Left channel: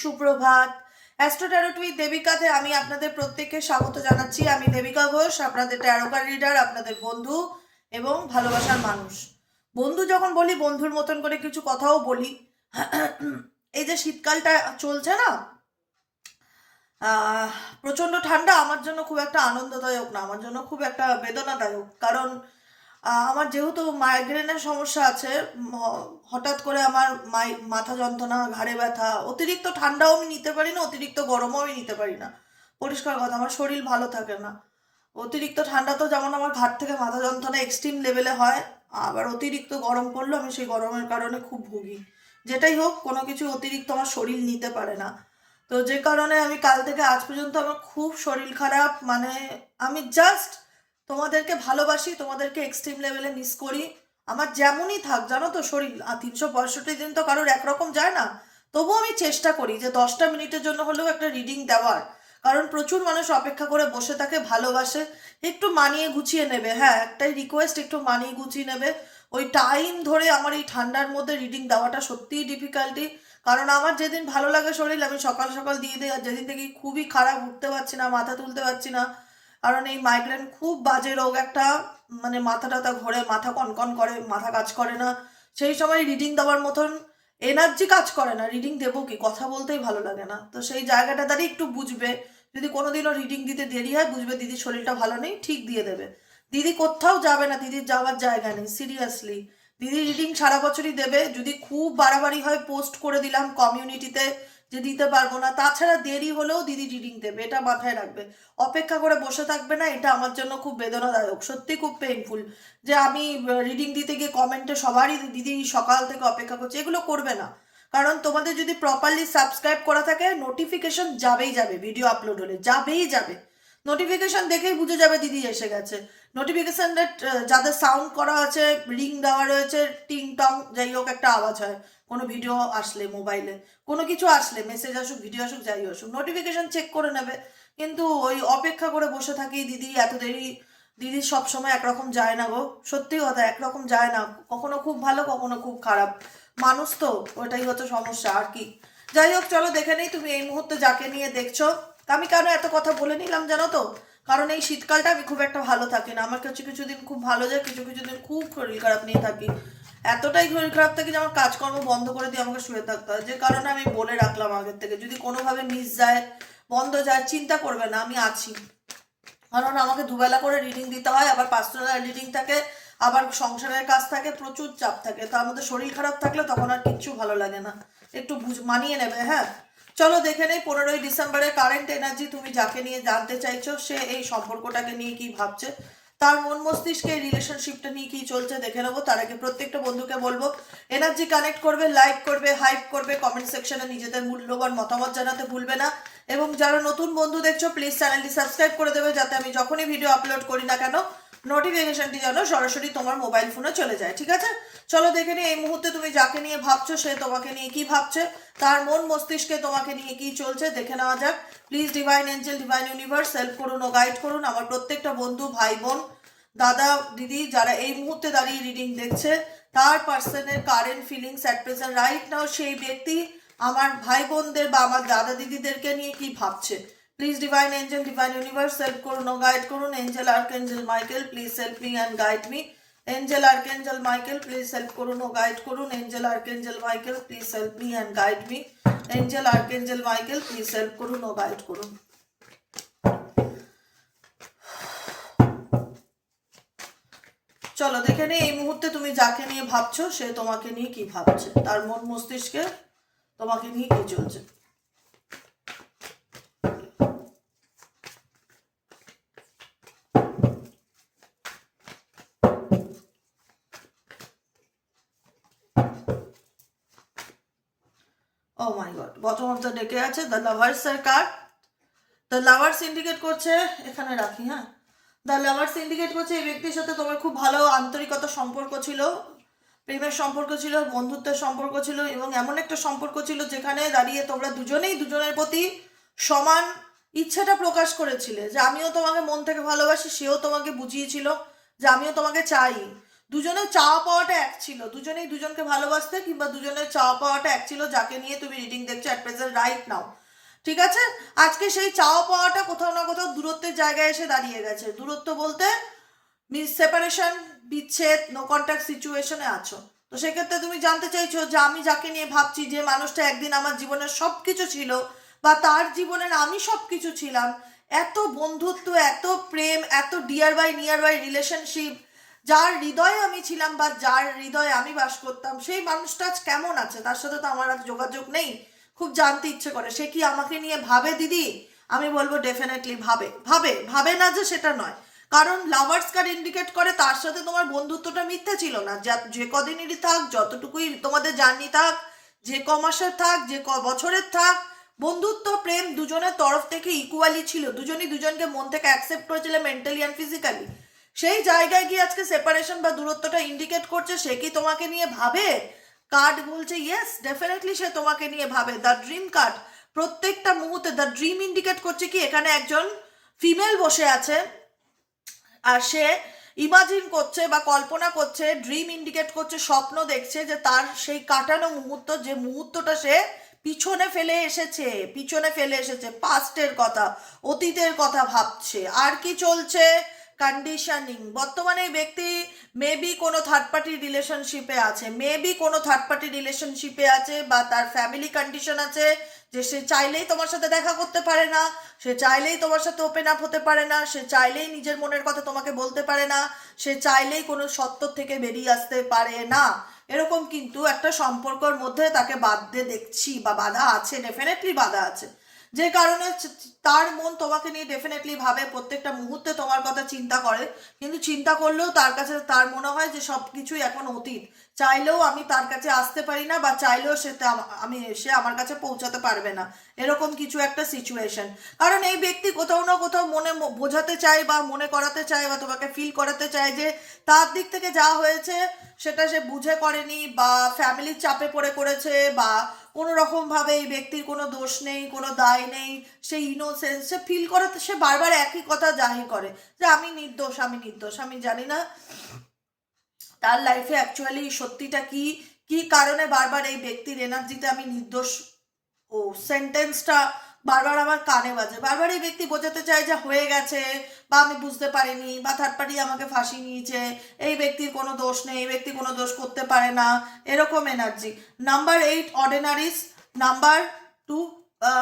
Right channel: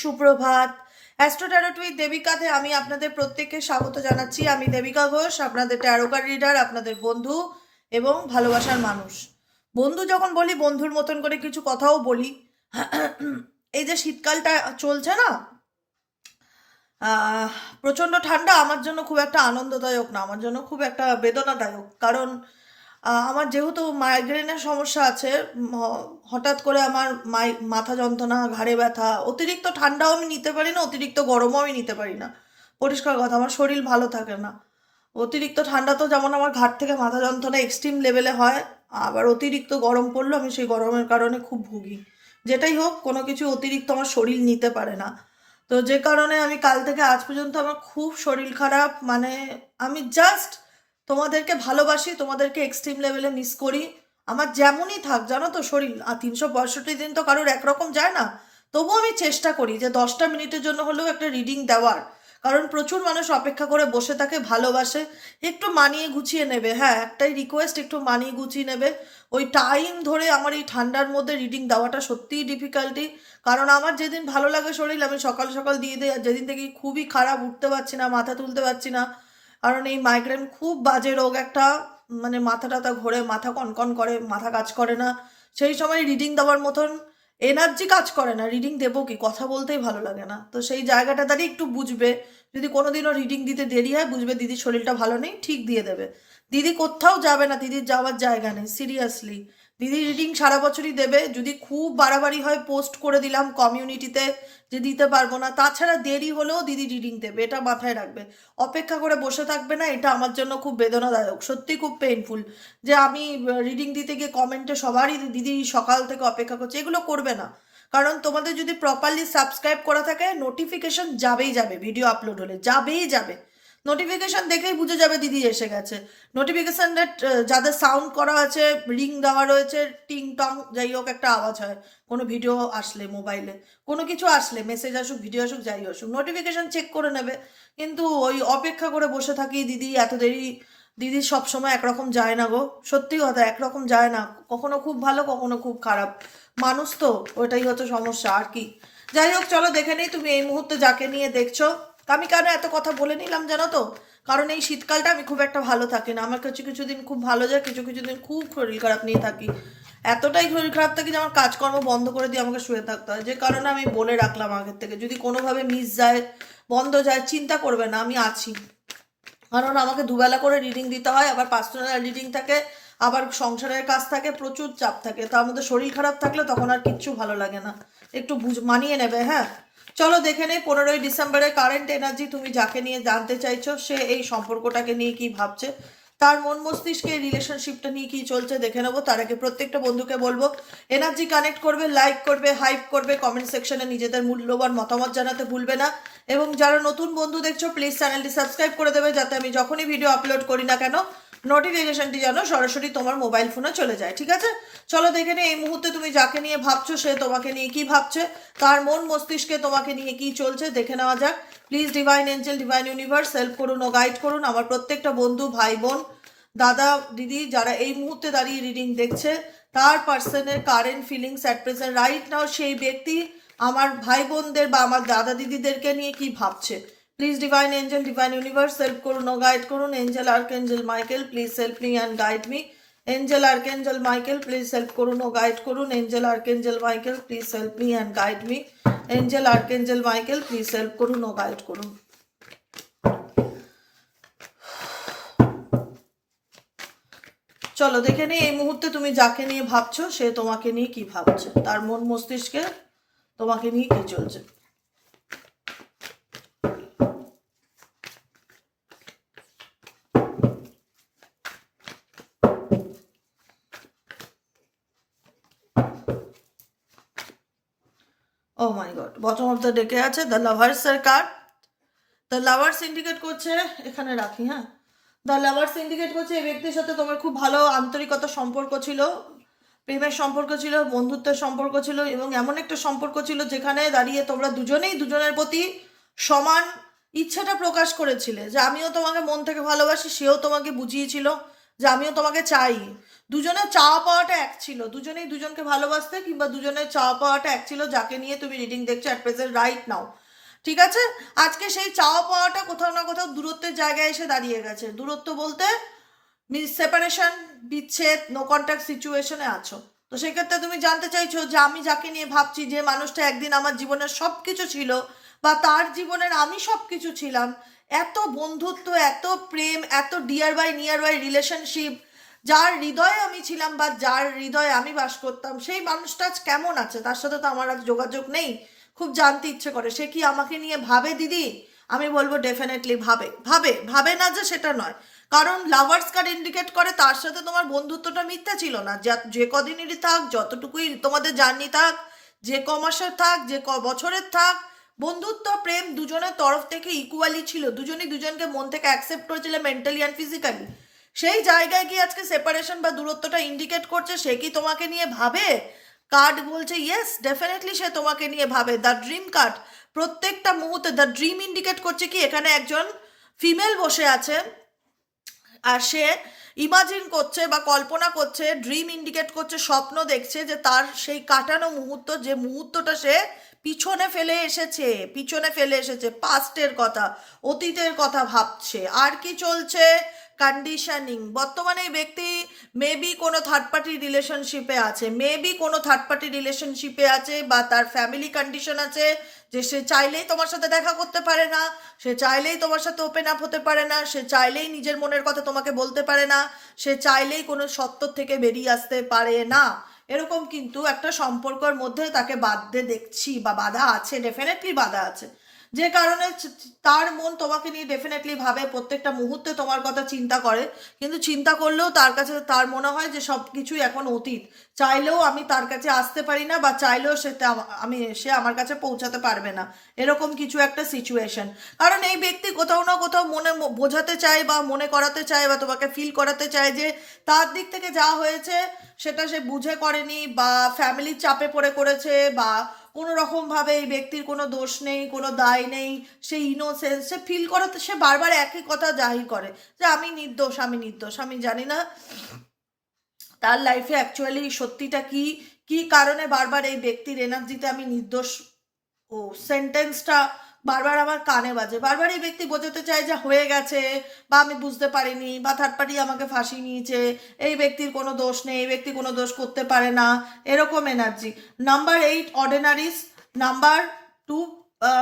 সুপ্রভাত। Astro tarot with দেবিকাতে আমি আপনাদের প্রত্যেককে স্বাগত জানাচ্ছি। আমি দেবিকা ঘোষ, আপনাদের ট্যারোকার রিডার আপনাদের বন্ধু এবং ভালোবাসার মানুষ। বন্ধু যখন বলি, বন্ধুর মতন করে কিছু কথাও বলি। এই যে শীতকালটা চলছে না প্রচণ্ড ঠান্ডা, আমার জন্য খুব একটা আনন্দদায়ক না, আমার জন্য খুব একটা বেদনাদায়ক। কারণ আমার যেহেতু মাইগ্রেনের সমস্যা আছে হঠাৎ করে আমার মাই, মাথা যন্ত্রণা, ঘাড়ে ব্যথা, অতিরিক্ত ঠান্ডাও আমি নিতে পারি না, অতিরিক্ত গরমও আমি নিতে পারি না। পরিষ্কার কথা, আমার শরীর ভালো থাকে না। অতিরিক্ত ঠান্ডা তো যেমন আমার ঘাট থেকে মাথা যন্ত্রণা এক্সট্রিম লেভেলে হয়, আবার অতিরিক্ত গরম পড়লেও আমি সেই গরমের কারণে খুব ভুগি। যেটাই হোক, কোনো কিছু অতিরিক্ত আমার শরীর নিতে পারে না। তো যে কারণে আমি কাল থেকে আজ পর্যন্ত আমার খুব শরীর খারাপ মানে আমি জাস্ট তোমাদেরকে ভালোবাসি, তোমাদেরকে এক্সট্রিম লেভেলে মিস করি। আমার যেমনই থাক, জানো তো শরীর, আর তিনশো পঁয়ষট্টি দিন তো কারোর একরকম যায় না। তবুও আমি চেষ্টা করি যে দশটা মিনিটের জন্য হলেও একটা রিডিং দেওয়ার। কারণ প্রচুর মানুষ অপেক্ষা করে বসে থাকে, ভালোবাসে, একটু মানিয়ে গুছিয়ে নেবে। হ্যাঁ একটাই রিকোয়েস্ট একটু মানিয়ে গুছিয়ে নেবে। ওই টাইম ধরে আমার এই ঠান্ডার মধ্যে রিডিং দেওয়াটা সত্যিই ডিফিকাল্টি কারণ আমার যেদিন ভালো লাগে শরীর, আমি সকাল সকাল দিয়ে দিই। আর যেদিন থেকে খুবই খারাপ, উঠতে পারছি না, মাথা তুলতে পারছি না কারণ এই মাইগ্রেন খুব বাজে রোগ, একটা মানে মাথা টাথা ঘোরে, মাথা কনকন করে, মাথা কাজ করে না। সেই সময় রিডিং দেওয়ার মতন এনার্জি কাজ করে না। রিডিং দেবো কি? কথা বলতেই ভালো লাগে না। তো সেই জায়গাটা দাঁড়িয়ে একটু বুঝবে। যদি কোনোদিনও রিডিং দিতে দেরি হয়, বুঝবে দিদির শরীরটা ভালো নেই, ঠিক দিয়ে দেবে। দিদি কোথাও যাবে না, দিদির যাওয়ার জায়গা নেই সিরিয়াসলি দিদি রিডিং সারা বছরই দেবে। যদি খুব বাড়াবাড়ি হয় পোস্ট করে দিলাম কমিউনিটিতে যে দিতে পারব না, তাছাড়া দেরি হলেও দিদি রিডিং দেবে, এটা মাথায় রাখবে। অপেক্ষা করে বসে থাকবে না, এটা আমার জন্য খুব বেদনাদায়ক, সত্যি খুব পেইনফুল যে আমি রিডিং দিতে গিয়ে কমেন্টে সবারই দিদি সকাল থেকে অপেক্ষা করছে, এগুলো করবে না। কারণ তোমাদের যদি প্রপারলি সাবস্ক্রাইব করা থাকে নোটিফিকেশন যাবেই যাবে ভিডিও আপলোড হলে যাবেই যাবে। নোটিফিকেশন দেখেই বুঝে যাবে দিদি এসে গেছে। নোটিফিকেশনটা যাদের সাউন্ড করা আছে রিং দেওয়া রয়েছে, টিং টং, যাই হোক একটা আওয়াজ হয় কোনো ভিডিও আসলে মোবাইলে কোনো কিছু আসলে মেসেজ আসুক ভিডিও আসুক, যাই আসুক নোটিফিকেশন চেক করে নেবে। কিন্তু ওই অপেক্ষা করে বসে থাকি, দিদি, এত দেরি, দিদি সবসময় একরকম যায় না গো। সত্যি কথা, একরকম যায় না। কখনো খুব ভালো, কখনো খুব খারাপ। মানুষ তো, ওটাই হচ্ছে সমস্যা, আর কি? যাই হোক, চলো দেখে নিই, তুমি এই মুহূর্তে যাকে নিয়ে দেখছ। আমি কেন এত কথা বলে নিলাম জানো তো? কারণ এই শীতকালটা আমি খুব একটা ভালো থাকি না। আমার কাছে কিছু দিন খুব ভালো যায়, কিছু কিছু দিন খুব শরীর খারাপ নিয়ে থাকি। এতটাই শরীর খারাপ থাকে যে আমার কাজকর্ম বন্ধ করে দিয়ে আমাকে শুয়ে থাকতে হয়। যে কারণে আমি বলে রাখলাম আগের থেকে, যদি কোনোভাবে মিস যায়, বন্ধ যায়, চিন্তা করবে না, আমি আছি। কারণ আমাকে দুবেলা করে রিডিং দিতে হয়, আবার পার্সোনাল রিডিং থাকে, আবার সংসারের কাজ থাকে, প্রচুর চাপ থাকে। তার মধ্যে শরীর খারাপ থাকলে তখন আর কিচ্ছু ভালো লাগে না। একটু বুঝ, মানিয়ে নেবে হ্যাঁ? চলো দেখে নেই, পনেরোই ডিসেম্বরের কারেন্ট এনার্জি তুমি যাকে নিয়ে জানতে চাইছো, সে এই সম্পর্কটাকে নিয়ে কি ভাবছে? তার মন মস্তিষ্কে রিলেশনশিপটা নিয়ে কি চলছে দেখে নেব। তার আগে প্রত্যেকটা বন্ধুকে বলব এনার্জি কানেক্ট করবে লাইক করবে হাইপ করবে কমেন্ট সেকশনে নিজেদের মূল্যবান মতামত জানাতে ভুলবে না। এবং যারা নতুন বন্ধু দেখছ প্লিজ চ্যানেলটি সাবস্ক্রাইব করে দেবে, যাতে আমি যখনই ভিডিও আপলোড করি না কেন নোটিফিকেশনটি যেন সরাসরি তোমার মোবাইল ফোনে চলে যায়, ঠিক আছে? চলো দেখে নিই, এই মুহূর্তে তুমি যাকে নিয়ে ভাবছ, সে তোমাকে নিয়ে কি ভাবছে, তার মন মস্তিষ্কে তোমাকে নিয়ে কি চলছে, দেখে নেওয়া যাক। Please divine angel divine universe help করুন ও গাইড করুন। আমার প্রত্যেকটা বন্ধু, ভাই, বোন, দাদা, দিদি, যারা এই মুহূর্তে দাঁড়িয়ে রিডিং দেখছে, তার পার্সনের current feelings at present right now সেই ব্যক্তি আমার ভাই বোনদের বা আমার দাদা দিদিদেরকে নিয়ে কি ভাবছে। Please divine angel divine universe help করুন ও গাইড করুন। Angel archangel Michael please help me and guide me angel archangel Michael please help করুন ও গাইড করুন। Angel archangel Michael please help me and guide me angel archangel Michael please help করুন ও guide করুন। চলো, দেখে নিই এই মুহূর্তে তুমি যাকে নিয়ে ভাবছ, সে তোমাকে নিয়ে কি ভাবছে? তার মন মস্তিষ্কে তোমাকে নিয়ে কি চলছে ও my god bottom of the ডেকে আছে দ্য লাভার্স এর কার্ড দ্য লাভার্স ইন্ডিকেট করছে, এখানে রাখি হ্যাঁ? দ্য লাভার্স ইন্ডিকেট করছে, এই ব্যক্তির সাথে তোমার খুব ভালো আন্তরিকতা সম্পর্ক ছিল, প্রেমের সম্পর্ক ছিল, বন্ধুত্বের সম্পর্ক ছিল, এবং এমন একটা সম্পর্ক ছিল যেখানে দাঁড়িয়ে তোমরা দুজনেই দুজনের প্রতি সমান ইচ্ছাটা প্রকাশ করেছিলে, যে আমিও তোমাকে মন থেকে ভালোবাসি, সেও তোমাকে বুঝিয়েছিল, যে আমিও তোমাকে চাই। দুজনের চাওয়া পাওয়াটা এক ছিল। দুজনেই দুজনকে ভালোবাসতে কিংবা দুজনের চাওয়া পাওয়াটা এক ছিল, যাকে নিয়ে তুমি রিডিং দেখছ অ্যাট প্রেজেন্ট রাইট নাও ঠিক আছে? আজকে সেই চাওয়া পাওয়াটা কোথাও না কোথাও দূরত্বের জায়গায় এসে দাঁড়িয়ে গেছে। দূরত্ব বলতে মিস সেপারেশন বিচ্ছেদ নো কন্ট্যাক্ট সিচুয়েশনে আছো। তো সেক্ষেত্রে তুমি জানতে চাইছো যে আমি যাকে নিয়ে ভাবছি, যে মানুষটা একদিন আমার জীবনের সব কিছু ছিল বা তার জীবনের আমি সব কিছু ছিলাম, এত বন্ধুত্ব, এত প্রেম, এত dear by near by relationship যার হৃদয়ে আমি ছিলাম বা যার হৃদয়ে আমি বাস করতাম, সেই মানুষটা আজ কেমন আছে? তার সাথে তো আমার আর যোগাযোগ নেই। খুব জানতে ইচ্ছে করে। সে কি আমাকে নিয়ে ভাবে, দিদি? আমি বলব ডেফিনেটলি ভাবে। ভাবে ভাবে না যে সেটা নয়। কারণ লাভার্স কার্ড ইন্ডিকেট করে তার সাথে তোমার বন্ধুত্বটা মিথ্যা ছিল না। যা- যে কদিনেরই থাক, যতটুকুই তোমাদের জার্নি থাক, যে ক মাসের থাক, যে ক বছরের থাক, বন্ধুত্ব, প্রেম দুজনের তরফ থেকে ইকুয়ালি ছিল। দুজনই দুজনকে মন থেকে অ্যাকসেপ্ট করেছিল মেন্টালি অ্যান্ড ফিজিক্যালি সেই জায়গায় গিয়ে আজকে সেপারেশন বা দূরত্বটা ইন্ডিকেট করছে, সে কি তোমাকে নিয়ে ভাবে? কার্ড বলছে ইয়েস ডেফিনেটলি সে তোমাকে নিয়ে ভাবে। দ্য ড্রিম কার্ড প্রত্যেকটা মুহূর্তে দ্য ড্রিম ইন্ডিকেট করছে কি, এখানে একজন ফিমেল বসে আছে, আর সে ইমাজিন করছে বা কল্পনা করছে ড্রিম ইন্ডিকেট করছে, স্বপ্ন দেখছে যে তার সেই কাটানো মুহূর্ত, যে মুহূর্তটা সে পিছনে ফেলে এসেছে, পিছনে ফেলে এসেছে পাস্টের কথা, অতীতের কথা ভাবছে। আর কি চলছে? কন্ডিশনিং বর্তমানে ব্যক্তি মেবি কোনো থার্ড পার্টি রিলেশনশিপে আছে মেবি কোনো থার্ড পার্টি রিলেশনশিপে আছে বা তার ফ্যামিলি কন্ডিশন আছে যে সে চাইলেই তোমার সাথে দেখা করতে পারে না, সে চাইলেই তোমার সাথে ওপেন আপ হতে পারে না, সে চাইলেই নিজের মনের কথা তোমাকে বলতে পারে না, সে চাইলেই কোনো সত্য থেকে বেরিয়ে আসতে পারে না। এরকম কিন্তু একটা সম্পর্কর মধ্যে তাকে বাধ্য দেখছি বা বাধা আছে ডেফিনেটলি বাধা আছে। যে কারণে তার মন তোমাকে নিয়ে ডেফিনেটলি ভাবে, প্রত্যেকটা মুহূর্তে তোমার কথা চিন্তা করে। কিন্তু চিন্তা করলেও তার কাছে, তার মনে হয় যে সব কিছুই এখন অতীত। চাইলেও আমি তার কাছে আসতে পারি না বা চাইলেও সে আমি, সে আমার কাছে পৌঁছাতে পারবে না। এরকম কিছু একটা সিচুয়েশন কারণ এই ব্যক্তি কোথাও না কোথাও মনে বোঝাতে চায় বা মনে করাতে চায় বা তোমাকে ফিল করাতে চায় যে তার দিক থেকে যা হয়েছে, সেটা সে বুঝে করেনি বা ফ্যামিলির চাপে পড়ে করেছে বা কোনো রকম ভাবে এই ব্যক্তির কোনো দোষ নেই, কোনো দায় নেই, সে ইনোসেন্স সে ফিল করে, তো সে বারবার একই কথা জাহির করে যে আমি নির্দোষ আমি নির্দোষ, আমি জানি না তার লাইফে অ্যাকচুয়ালি সত্যিটা কি কি কারণে বারবার এই ব্যক্তির এনার্জিতে আমি নির্দোষ? ও সেন্টেন্সটা বারবার আমার কানে বাজে। বারবার এই ব্যক্তি বোঝাতে চায় যে হয়ে গেছে বা আমি বুঝতে পারিনি বা থার্ড পার্টি আমাকে ফাঁসি নিয়েছে। এই ব্যক্তির কোনো দোষ নেই, এই ব্যক্তি কোনো দোষ করতে পারে না। এরকম energy number eight ordinaries number two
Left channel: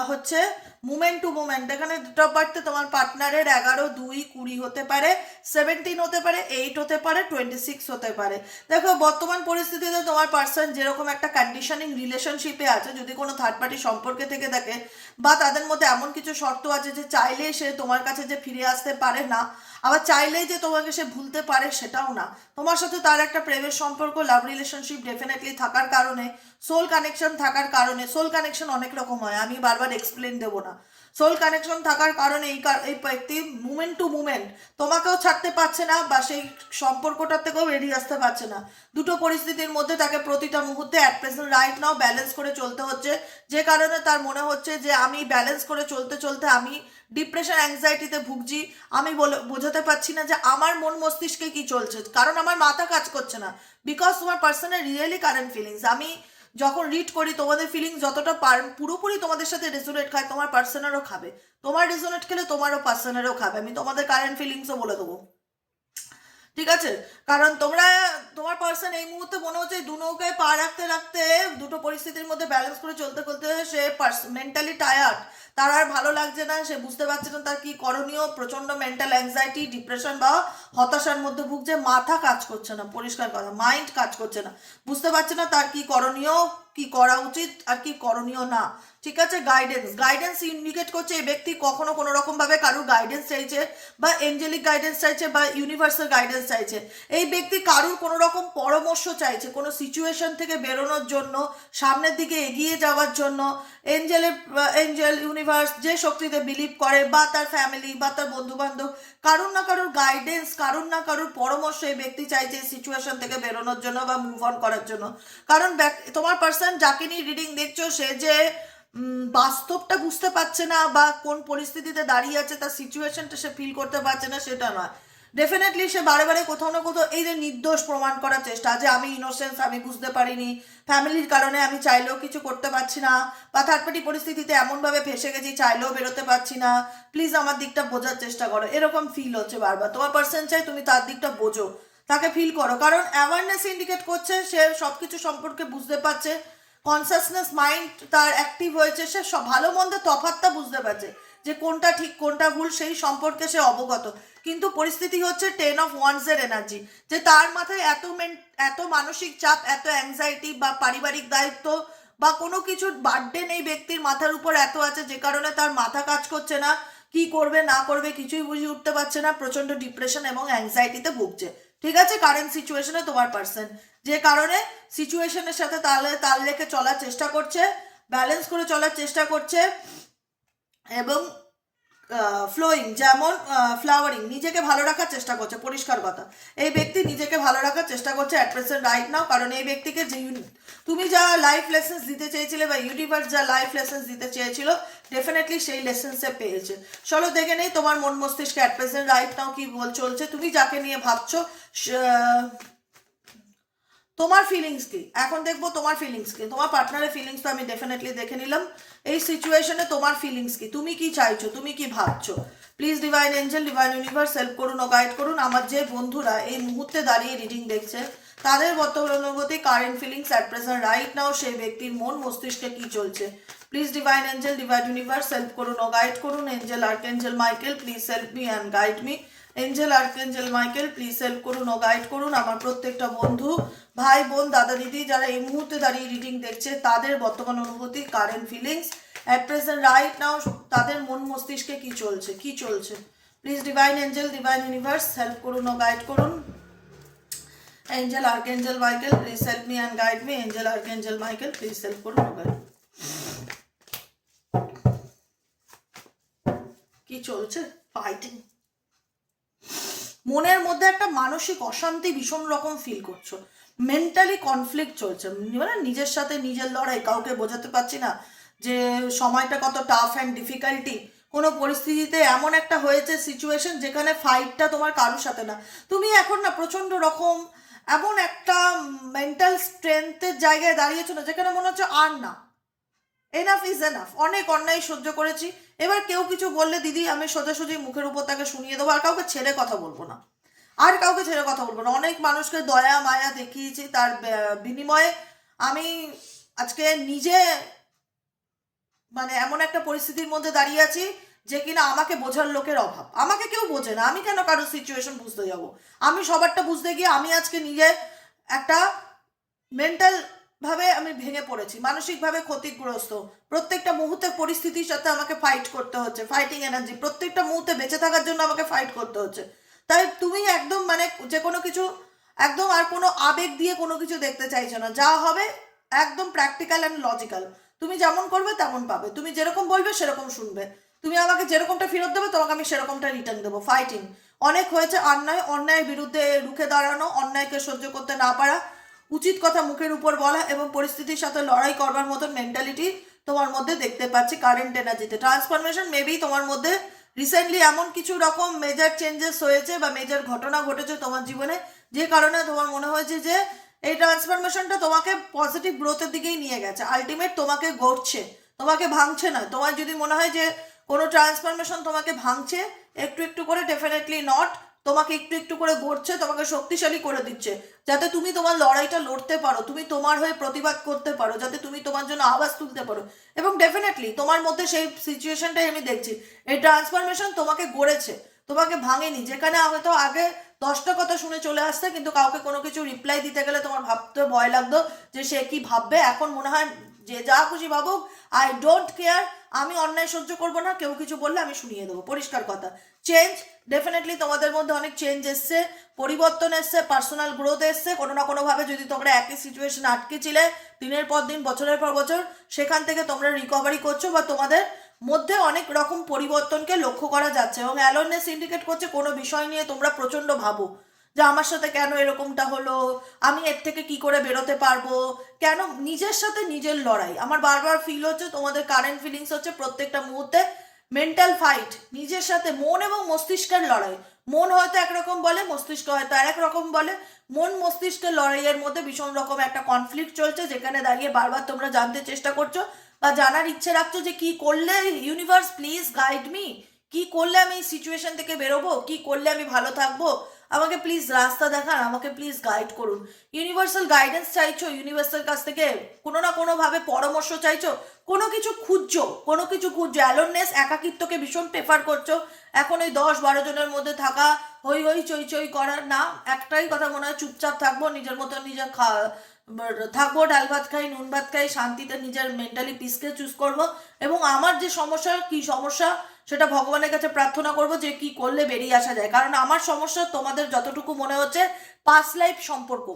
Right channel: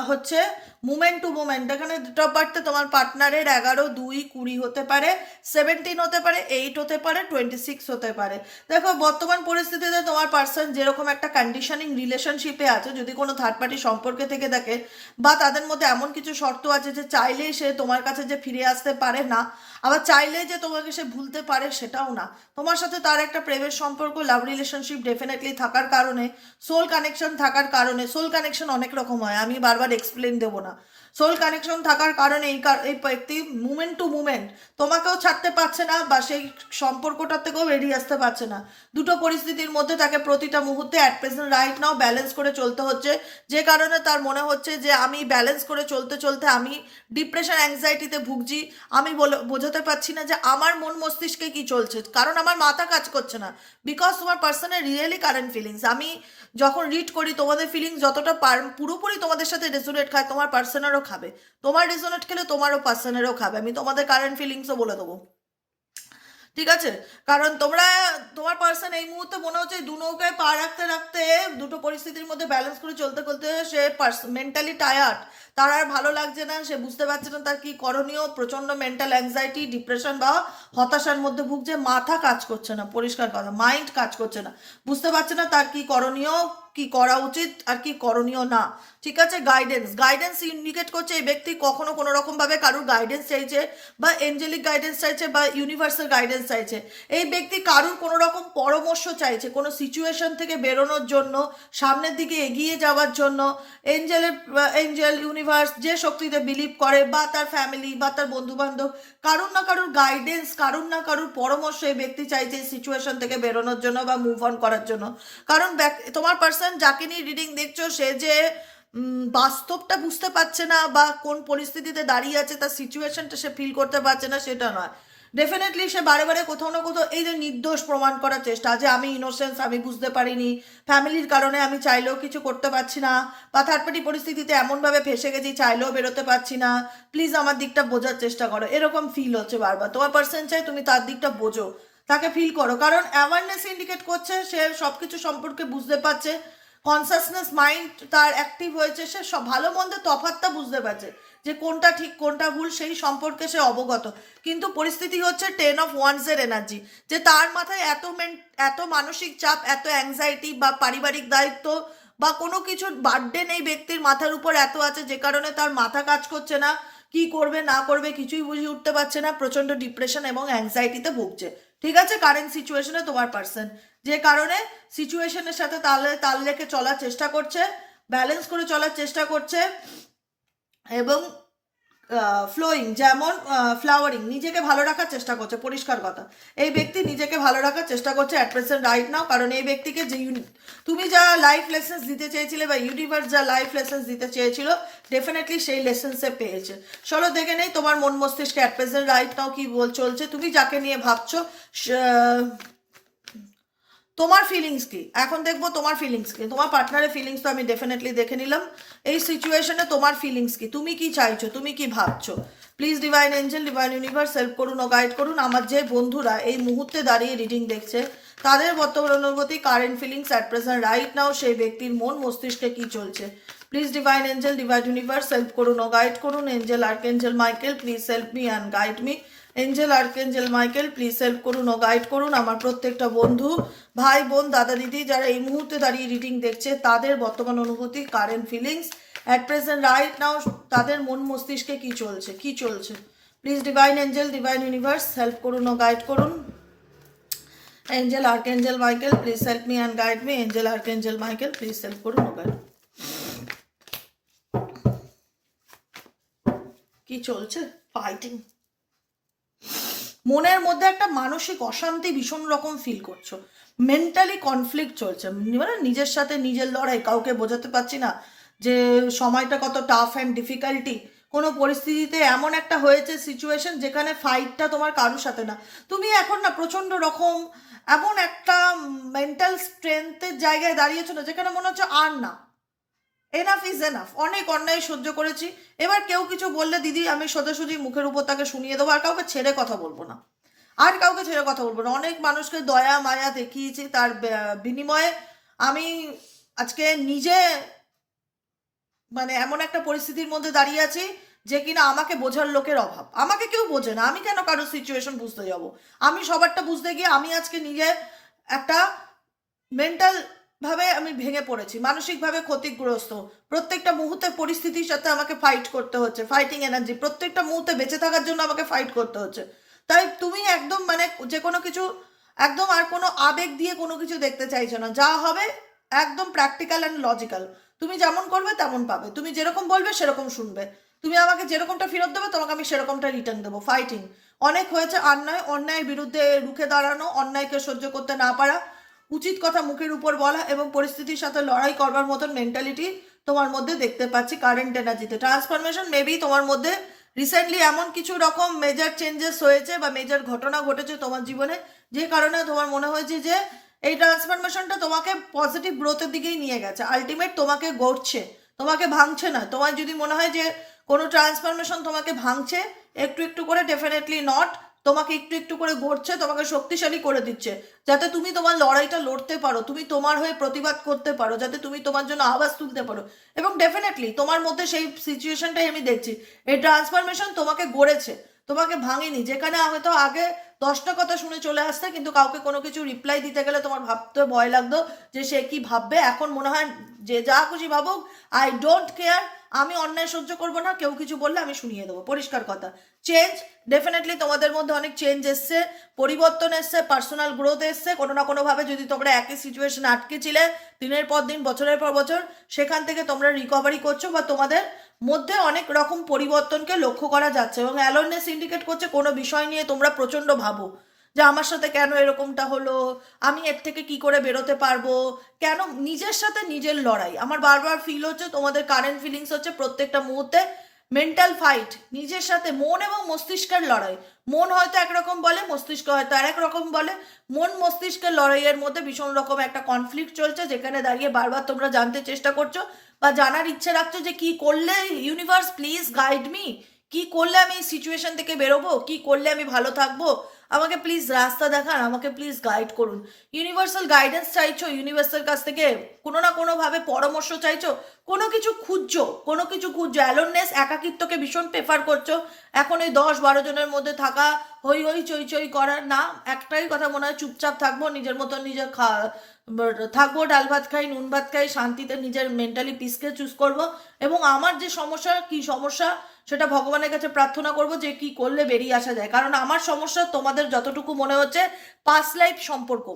হচ্ছে মুমেন্ট টু মুমেন্ট এখানে ডেট অফ বার্থে তোমার পার্টনারের এগারো, দুই, কুড়ি হতে পারে সেভেন্টিন হতে পারে এইট হতে পারে টোয়েন্টি সিক্স হতে পারে। দেখো, বর্তমান পরিস্থিতিতে তোমার পার্সন যেরকম একটা কন্ডিশনিং রিলেশনশিপে আছে, যদি কোনো থার্ড পার্টি সম্পর্কে থেকে থাকে বা তাদের মধ্যে এমন কিছু শর্ত আছে যে চাইলেই সে তোমার কাছে যে ফিরে আসতে পারে না, আবার চাইলেই যে তোমাকে সে ভুলতে পারে সেটাও না। তোমার সাথে তার একটা প্রেমের সম্পর্ক লাভ রিলেশনশিপ ডেফিনেটলি থাকার কারণে সোল কানেকশন থাকার কারণে সোল কানেকশন অনেক রকম হয়, আমি বারবার এক্সপ্লেন দেবো না। সোল কানেকশন থাকার কারণে এই এই ব্যক্তি মুমেন্ট টু মুমেন্ট তোমাকেও ছাড়তে পারছে না বা সেই সম্পর্কটার থেকেও বেরিয়ে আসতে পারছে না। দুটো পরিস্থিতির মধ্যে তাকে প্রতিটা মুহূর্তে at present right now balance করে চলতে হচ্ছে। যে কারণে তার মনে হচ্ছে যে আমি ব্যালেন্স করে চলতে চলতে আমি ডিপ্রেশন অ্যাংজাইটিতে ভুগছি। আমি বলে বোঝাতে পারছি না যে আমার মন মস্তিষ্কে কি চলছে। কারণ আমার মাথা কাজ করছে না। বিকজ তোমার পার্সনের রিয়েলি কারেন্ট ফিলিংস আমি যখন রিড করি, তোমাদের ফিলিংস যতটা পার- পুরোপুরি তোমাদের সাথে রেজোনেট খায়, তোমার পার্সনেরও খাবে। তোমার রেজোনেট খেলে তোমারও পার্সনেরও খাবে। আমি তোমাদের কারেন্ট ফিলিংসও বলে দেবো। ঠিক আছে? কারণ তোমরা, তোমার পার্সন এই মুহূর্তে মনে হচ্ছে দু নৌকায় পা রাখতে রাখতে দুটো পরিস্থিতির মধ্যে ব্যালেন্স করে চলতে চলতে সে মেন্টালি টায়ার্ড তার আর ভালো লাগছে না, সে বুঝতে পারছে না তার কি করণীয় প্রচণ্ড মেন্টাল অ্যাংজাইটি ডিপ্রেশন বা হতাশার মধ্যে ভুগছে, মাথা কাজ করছে না, পরিষ্কার কথা মাইন্ড কাজ করছে না। বুঝতে পারছে না তার কি করণীয়, কি করা উচিত আর কি করণীয় না। ঠিক আছে গাইডেন্স গাইডেন্স ইন্ডিকেট করছে এই ব্যক্তি কখনো কোনো রকম ভাবে কারুর গাইডেন্স চাইছে বা এঞ্জেলিক গাইডেন্স চাইছে বা ইউনিভার্সাল গাইডেন্স চাইছে। এই ব্যক্তি কারুর কোনো রকম পরামর্শ চাইছে, কোনো সিচুয়েশন থেকে বেরোনোর জন্য, সামনের দিকে এগিয়ে যাওয়ার জন্য এঞ্জেলের এঞ্জেল ইউনিভার্স যে শক্তিতে বিলিভ করে বা তার ফ্যামিলি বা তার বন্ধু বান্ধব কারুর না কারুর গাইডেন্স কারুর না কারুর পরামর্শ এই ব্যক্তি চাইছে এই সিচুয়েশন থেকে বেরোনোর জন্য বা মুভ অন করার জন্য। কারণ তোমার পার্সন যাকে নিয়ে রিডিং দেখছ, সে যে বাস্তবটা বুঝতে পারছে না বা কোন পরিস্থিতিতে দাঁড়িয়ে আছে, তার সিচুয়েশনটা সে ফিল করতে পারছে না, সেটা নয়। ডেফিনেটলি সে বারে বারে কোথাও না কোথাও এই যে নির্দোষ প্রমাণ করার চেষ্টা, যে আমি ইনোসেন্স আমি বুঝতে পারিনি ফ্যামিলির কারণে আমি চাইলেও কিছু করতে পারছি না, বা থার্ড পার্টি পরিস্থিতিতে এমনভাবে ফেসে গেছি, চাইলেও বেরোতে পারছি না প্লিজ আমার দিকটা বোঝার চেষ্টা করো। এরকম ফিল হচ্ছে বারবার। তোমার পার্সন চাই তুমি তার দিকটা বোঝো, তাকে ফিল করো। কারণ অ্যাওয়ারনেস ইন্ডিকেট করছে, সে সব কিছু সম্পর্কে বুঝতে পারছে কনসাসনেস মাইন্ড তার অ্যাক্টিভ হয়েছে, সে সব ভালো মন্দ তফাৎটা বুঝতে পারছে যে কোনটা ঠিক, কোনটা ভুল, সেই সম্পর্কে সে অবগত। কিন্তু পরিস্থিতি হচ্ছে টেন অফ ওয়ান্সের এনার্জি যে তার মাথায় এত মেন এত মানসিক চাপ, এত অ্যাংজাইটি বা পারিবারিক দায়িত্ব বা কোনো কিছুর বার্থডে নেই ব্যক্তির মাথার উপর এত আছে যে কারণে তার মাথা কাজ করছে না, কি করবে, না করবে কিছুই বুঝে উঠতে পারছে না প্রচণ্ড ডিপ্রেশন এবং অ্যাংজাইটিতে ভুগছে। ঠিক আছে? কারেন্ট সিচুয়েশনে তোমার পার্সন যে কারণে সিচুয়েশনের সাথে তালে, তাল রেখে চলার চেষ্টা করছে ব্যালেন্স করে চলার চেষ্টা করছে এবং ফ্লোয়িং যেমন ফ্লাওয়ারিং নিজেকে ভালো রাখার চেষ্টা করছে, পরিষ্কার কথা। এই ব্যক্তি নিজেকে ভালো রাখার চেষ্টা করছে অ্যাট প্রেসেন্ট রাইট নাও কারণ এই ব্যক্তিকে যে তুমি যা লাইফ লেসেন্স দিতে চেয়েছিলে বা ইউনিভার্স যা লাইফ লেসেন্স দিতে চেয়েছিল ডেফিনেটলি সেই লেসেন্সে পেয়েছে। চলো দেখে নেই তোমার মন মস্তিষ্কে অ্যাট প্রেসেন্ট রাইট নাও কি বল চলছে। তুমি যাকে নিয়ে ভাবছ তোমার ফিলিংস কি? এখন দেখব তোমার ফিলিংস কি? তোমার পার্টনারের ফিলিংস তো আমি ডেফিনেটলি দেখে নিলাম। এই সিচুয়েশনে তোমার ফিলিংস কি? তুমি কি চাইছো? তুমি কি ভাবছ? Please divine angel divine universe help করুন ও গাইড করুন। আমার যে বন্ধুরা এই মুহূর্তে দাঁড়িয়ে রিডিং দেখছে, তাদের বর্তমান অনুভূতি current feelings at present right now সেই ব্যক্তির মন, মস্তিষ্কে কি চলছে? Please divine angel divine universe help করুন ও গাইড করুন। Angel arch angel Michael please help me and guide me angel archangel Michael please help করুন ও গাইড করুন আমার প্রত্যেকটা বন্ধু, ভাই, বোন, দাদা, দিদি যারা এই মুহূর্তে দাঁড়িয়ে রিডিং দেখছে, তাদের বর্তমান অনুভূতি current feelings at present right now তাদের মন মস্তিষ্কে কি চলছে কি চলছে? Please divine angel divine universe help করুন ও গাইড করুন। Angel archangel Michael please help me and guide me angel archangel Michael please help করুন ও গাইড কি চলছে? ফাইটিং মনের মধ্যে একটা মানসিক অশান্তি ভীষণ রকম ফিল করছ। মেন্টালি কনফ্লিক্ট চলছে। মানে নিজের সাথে নিজের লড়াই, কাউকে বোঝাতে পারছি না যে সময়টা কত টাফ অ্যান্ড ডিফিকাল্টি কোনো পরিস্থিতিতে এমন একটা হয়েছে সিচুয়েশন যেখানে ফাইটটা তোমার কারোর সাথে না। তুমি এখন না প্রচণ্ড রকম এমন একটা মেন্টাল স্ট্রেংথের জায়গায় দাঁড়িয়েছো না, যেখানে মনে হচ্ছে আর না। এনাফ ইজ এনাফ অনেক অন্যায় সহ্য করেছি। এবার কেউ কিছু বললে, দিদি, আমি সোজাসুজি মুখের উপর তাকে শুনিয়ে দেবো, আর কাউকে ছেড়ে কথা বলব না। আর কাউকে ছেড়ে কথা বলব না। অনেক মানুষকে দয়া, মায়া দেখিয়েছি তার বিনিময়ে। আমি আজকে নিজে মানে এমন একটা পরিস্থিতির মধ্যে দাঁড়িয়ে আছি যে কিনা আমাকে বোঝার লোকের অভাব। আমাকে কেউ বোঝে না। আমি কেন কারোর সিচুয়েশন বুঝতে যাব? আমি সবারটা বুঝতে গিয়ে আমি আজকে নিজে একটা মেন্টাল ভাবে আমি ভেঙে পড়েছি, মানসিকভাবে ক্ষতিগ্রস্ত। প্রত্যেকটা মুহূর্তে পরিস্থিতির সাথে আমাকে ফাইট করতে হচ্ছে ফাইটিং এনার্জি প্রত্যেকটা মুহূর্তে বেঁচে থাকার জন্য আমাকে ফাইট করতে হচ্ছে। তাই তুমি একদম মানে যে কোনো কিছু, একদম আর কোনো আবেগ দিয়ে কোনো কিছু দেখতে চাইছো না, যা হবে একদম প্র্যাকটিক্যাল অ্যান্ড লজিক্যাল তুমি যেমন করবে তেমন পাবে, তুমি যেরকম বলবে সেরকম শুনবে। তুমি আমাকে যেরকমটা ফেরত দেবে তোমাকে আমি সেরকমটা রিটার্ন দেবো ফাইটিং অনেক হয়েছে অন্যায়, অন্যায়ের বিরুদ্ধে রুখে দাঁড়ানো, অন্যায়কে সহ্য করতে না পারা উচিত কথা মুখের উপর বলা এবং পরিস্থিতির সাথে লড়াই করবার মতন মেন্টালিটি তোমার মধ্যে দেখতে পাচ্ছি কারেন্ট এনার্জিতে ট্রান্সফরমেশন মেবি তোমার মধ্যে রিসেন্টলি এমন কিছু রকম মেজর চেঞ্জেস হয়েছে বা মেজর ঘটনা ঘটেছে তোমার জীবনে, যে কারণে তোমার মনে হয়েছে যে এই ট্রান্সফরমেশনটা তোমাকে পজিটিভ গ্রোথের দিকেই নিয়ে গেছে। আলটিমেট তোমাকে গড়ছে, তোমাকে ভাঙছে না। তোমার যদি মনে হয় যে কোনো ট্রান্সফরমেশন তোমাকে ভাঙছে, একটু একটু করে ডেফিনেটলি নট তোমাকে একটু একটু করে গড়ছে তোমাকে শক্তিশালী করে দিচ্ছে। যাতে তুমি তোমার লড়াইটা লড়তে পারো, তুমি তোমার হয়ে প্রতিবাদ করতে পারো, যাতে তুমি তোমার জন্য আওয়াজ তুলতে পারো। এবং ডেফিনেটলি তোমার মধ্যে সেই সিচুয়েশনটাই আমি দেখছি। এই ট্রান্সফরমেশন তোমাকে গড়েছে। তোমাকে ভাঙেনি। যেখানে হয়তো আগে দশটা কথা শুনে চলে আসতে, কিন্তু কাউকে কোনো কিছু রিপ্লাই দিতে গেলে তোমার ভাবতে ভয় লাগতো যে সে কি ভাববে। এখন মনে হয় যে যা খুশি ভাবুক আই ডোন্ট কেয়ার আমি অন্যায় সহ্য করব না, কেউ কিছু বললে আমি শুনিয়ে দেবো। পরিষ্কার কথা। চেঞ্জ ডেফিনেটলি তোমাদের মধ্যে অনেক চেঞ্জ এসছে, পরিবর্তন এসছে পার্সোনাল গ্রোথ এসছে। কোনো না কোনোভাবে যদি তোমরা একই সিচুয়েশন আটকে ছিলে, দিনের পর দিন, বছরের পর বছর, সেখান থেকে তোমরা রিকভারি করছ বা তোমাদের মধ্যে অনেক রকম পরিবর্তনকে লক্ষ্য করা যাচ্ছে এবং অ্যালোনেস ইন্ডিকেট করছে কোনো বিষয় নিয়ে তোমরা প্রচণ্ড ভাবো যে আমার সাথে কেন এরকমটা হলো? আমি এর থেকে কি করে বেরোতে পারব? কেন নিজের সাথে নিজের লড়াই? আমার বারবার ফিল হচ্ছে তোমাদের কারেন্ট ফিলিংস হচ্ছে প্রত্যেকটা মুহূর্তে মেন্টাল ফাইট নিজের সাথে মন এবং মস্তিষ্কের লড়াই। মন হয়তো একরকম বলে, মস্তিষ্ক হয়তো আরেক রকম বলে। মন মস্তিষ্কের লড়াইয়ের মধ্যে ভীষণ রকম একটা কনফ্লিক্ট চলছে যেখানে দাঁড়িয়ে বারবার তোমরা জানতে চেষ্টা করছ বা জানার ইচ্ছে রাখছো যে কি করলে ইউনিভার্স প্লিজ গাইড মি কি করলে আমি এই সিচুয়েশন থেকে বেরোবো? কি করলে আমি ভালো থাকব? আমাকে প্লিজ রাস্তা দেখান, আমাকে প্লিজ গাইড করুন। ইউনিভার্সাল গাইডেন্স চাইছো ইউনিভার্সাল কাছ থেকে কোনো না কোনোভাবে পরামর্শ চাইছো? কোনো কিছু খুঁজছো? কোনো কিছু খুঁজছো? অ্যালোননেস একাকিত্বকে ভীষণ প্রেফার করছ? এখন এই দশ বারো জনের মধ্যে থাকা, হই হই চই চই করার না, একটাই কথা মনে হয়, চুপচাপ থাকব, নিজের মতো নিজের খা থাকব, ডাল ভাত খাই, নুন ভাত খাই, শান্তিতে নিজের মেন্টালি পিসকে চুজ করব এবং আমার যে সমস্যা, কি সমস্যা সেটা ভগবানের কাছে প্রার্থনা করব যে কি করলে বেরিয়ে আসা যায়। কারণ আমার সমস্যা তোমাদের যতটুকু মনে হচ্ছে পাস লাইফ সম্পর্ক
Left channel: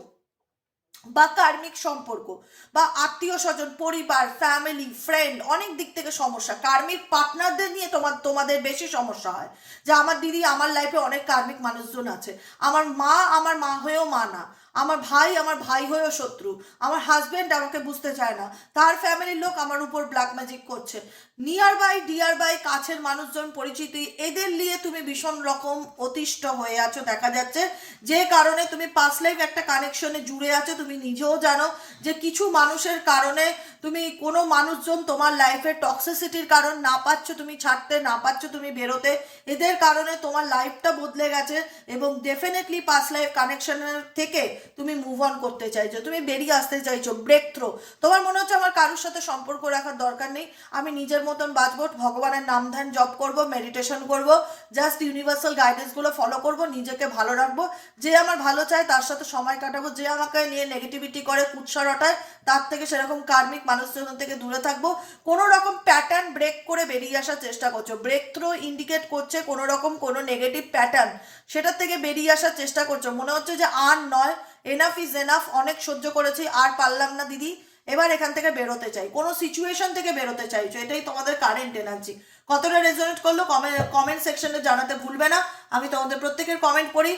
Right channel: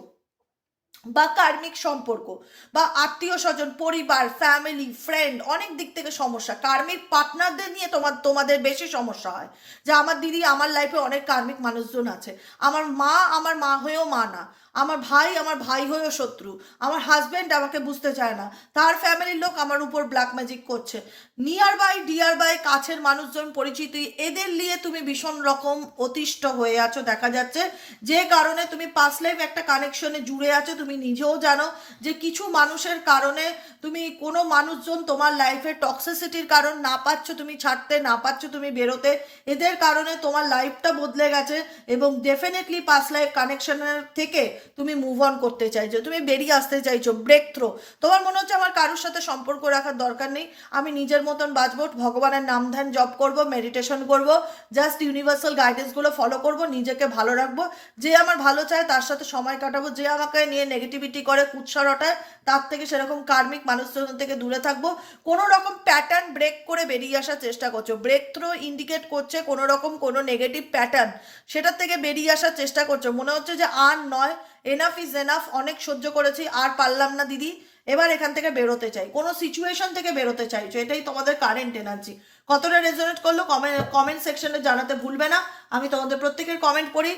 বা কার্মিক সম্পর্ক বা আত্মীয় স্বজন, পরিবার ফ্যামিলি ফ্রেন্ড অনেক দিক থেকে সমস্যা। কার্মিক পার্টনারদের নিয়ে তোমার, তোমাদের বেশি সমস্যা হয়। যে আমার দিদি, আমার লাইফে অনেক কার্মিক মানুষজন আছে। আমার মা আমার মা হয়েও মা না। আমার ভাই আমার ভাই হয়েও শত্রু। আমার হাজব্যান্ড আমাকে বুঝতে চায় না। তার ফ্যামিলির লোক আমার উপর ব্ল্যাক ম্যাজিক করছে। নিয়ার বাই ডিয়ার বাই কাছের মানুষজন পরিচিতি, এদের নিয়ে তুমি ভীষণ রকম অতিষ্ঠ হয়ে আছো, দেখা যাচ্ছে। যে কারণে তুমি পাস লাইফ একটা কানেকশনে জুড়ে আছো, তুমি নিজেও জানো যে কিছু মানুষের কারণে তুমি কোনো মানুষজন তোমার লাইফে টক্সিসিটির কারণ না পাচ্ছ, তুমি ছাড়তে না পাচ্ছ, তুমি বেরোতে। এদের কারণে তোমার লাইফটা বদলে গেছে এবং ডেফিনেটলি পাস লাইফ কানেকশনের থেকে তুমি মুভ অন করতে চাইছো, তুমি বেরিয়ে আসতে চাইছো ব্রেক থ্রো তোমার মনে হচ্ছে আমার কারোর সাথে সম্পর্ক রাখার দরকার নেই। আমি নিজের মতন বাঁচবো, ভগবানের নাম ধ্যান জপ করব মেডিটেশন করব জাস্ট ইউনিভার্সাল গাইডেন্সগুলো ফলো করব, নিজেকে ভালো রাখব। যে আমার ভালো চায় তার সাথে সময় কাটাবো, যে আমাকে নিয়ে নেগেটিভিটি করে, কুৎসা রটায়, তার থেকে সেরকম কার্মিক মানুষজন থেকে দূরে থাকব। কোনো রকম প্যাটার্ন ব্রেক করে বেরিয়ে আসার চেষ্টা করছ। ব্রেক থ্রো ইন্ডিকেট করছে কোনো রকম কোনো নেগেটিভ প্যাটার্ন সেটার থেকে বেরিয়ে আসার চেষ্টা করছ। মনে হচ্ছে যে আর নয় এনাফ ইজ এনাফ অনেক সহ্য করেছি, আর পারলাম না, দিদি। এবার এখান থেকে বেরোতে চাই। কোনো সিচুয়েশন থেকে বেরোতে চাইছো এটাই তোমাদের কারেন্ট এনার্জি কতটা রেজনেট করল কমেন্ট কমেন্ট সেকশনে জানাতে ভুলবে না। আমি তোমাদের প্রত্যেকের কমেন্ট করি